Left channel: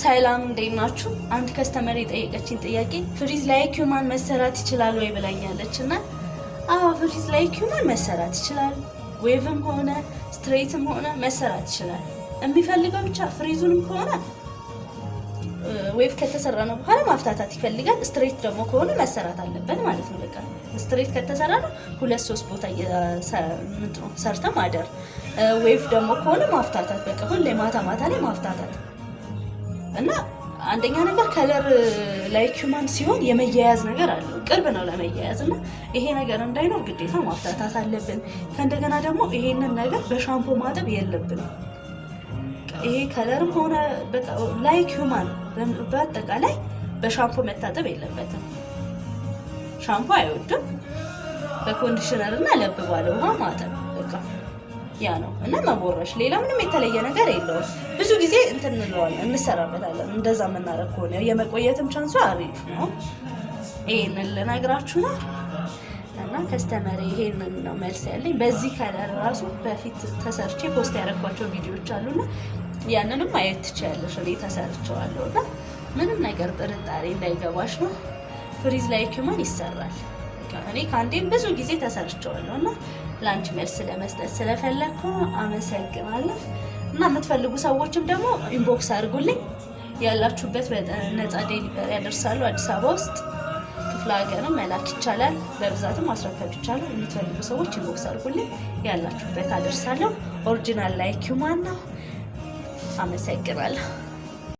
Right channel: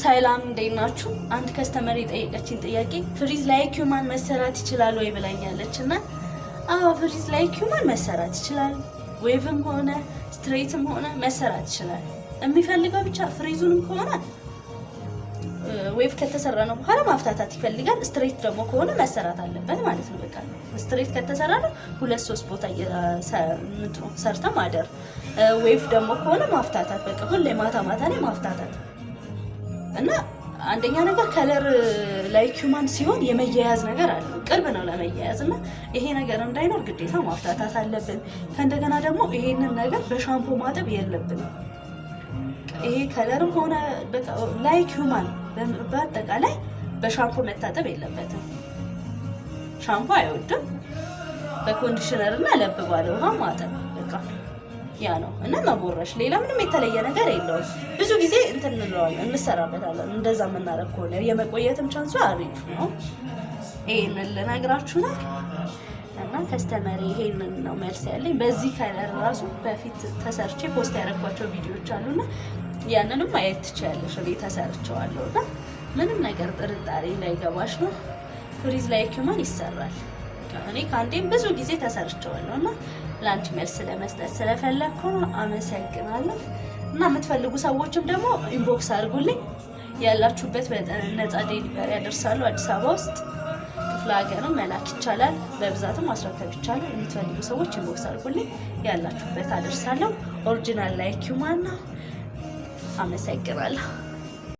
ሰላም እንዴት ናችሁ? አንድ ከስተመር የጠየቀችኝ ጥያቄ ፍሪዝ ላይ ኪውማን መሰራት ይችላል ወይ ብላኛለች እና አዎ ፍሪዝ ላይ ኪውማን መሰራት ይችላል። ዌቭም ሆነ ስትሬትም ሆነ መሰራት ይችላል። የሚፈልገው ብቻ ፍሪዙንም ከሆነ ዌቭ ከተሰራ ነው በኋላ ማፍታታት ይፈልጋል። ስትሬት ደግሞ ከሆነ መሰራት አለበት ማለት ነው። በቃ ስትሬት ከተሰራ ነው 2-3 ቦታ ሰርተ ማደር። ዌቭ ደግሞ ከሆነ ማፍታታት በቃ ሁሌ ማታ ላይ ማፍታታት እና አንደኛ ነገር ከለር ላይ ኪውማን ሲሆን የመያያዝ ነገር አለው። ቅርብ ነው ለመያያዝ እና ይሄ ነገር እንዳይኖር ግዴታ ማፍታታት አለብን። ከእንደገና ደግሞ ይሄንን ነገር በሻምፖ ማጠብ የለብንም። ይሄ ከለርም ሆነ ላይ ኪውማን በአጠቃላይ በሻምፖ መታጠብ የለበትም። ሻምፖ አይወድም። በኮንዲሽነር እና ለብ ባለ ውሃ ማጠብ በቃ ያ ነው እና መቦረሽ። ሌላ ምንም የተለየ ነገር የለውም። ብዙ ጊዜ እንለዋለን እንሰራበታለን። እንደዛ የምናደርግ ከሆነ የመቆየትም ቻንሱ አሪፍ ነው። ይሄንን ልነግራችሁ ነው እና ከስተመሪ ይሄንን ነው መልስ ያለኝ። በዚህ ከለር ራሱ በፊት ተሰርቼ ፖስት ያደረኳቸው ቪዲዮዎች አሉና ያንንም ማየት ትችያለሽ። እኔ ተሰርቼዋለሁ እና ምንም ነገር ጥርጣሬ እንዳይገባሽ ነው። ፍሪዝ ላይ ኪውማን ይሰራል። እኔ ከአንዴም ብዙ ጊዜ ተሰርቼዋለሁ እና ላንች መልስ ለመስጠት ስለፈለኩ ነው። አመሰግናለሁ። እና የምትፈልጉ ሰዎችም ደግሞ ኢንቦክስ አድርጉልኝ። ያላችሁበት ነፃ ዴሊቨሪ ያደርሳሉ። አዲስ አበባ ውስጥ ክፍለ ሀገርም መላክ ይቻላል። በብዛትም ማስረከብ ይቻላል። የምትፈልጉ ሰዎች ኢንቦክስ አድርጉልኝ። ያላችሁበት አደርሳለሁ። ኦሪጂናል ላይ ኪውማን ነው። አመሰግናለሁ።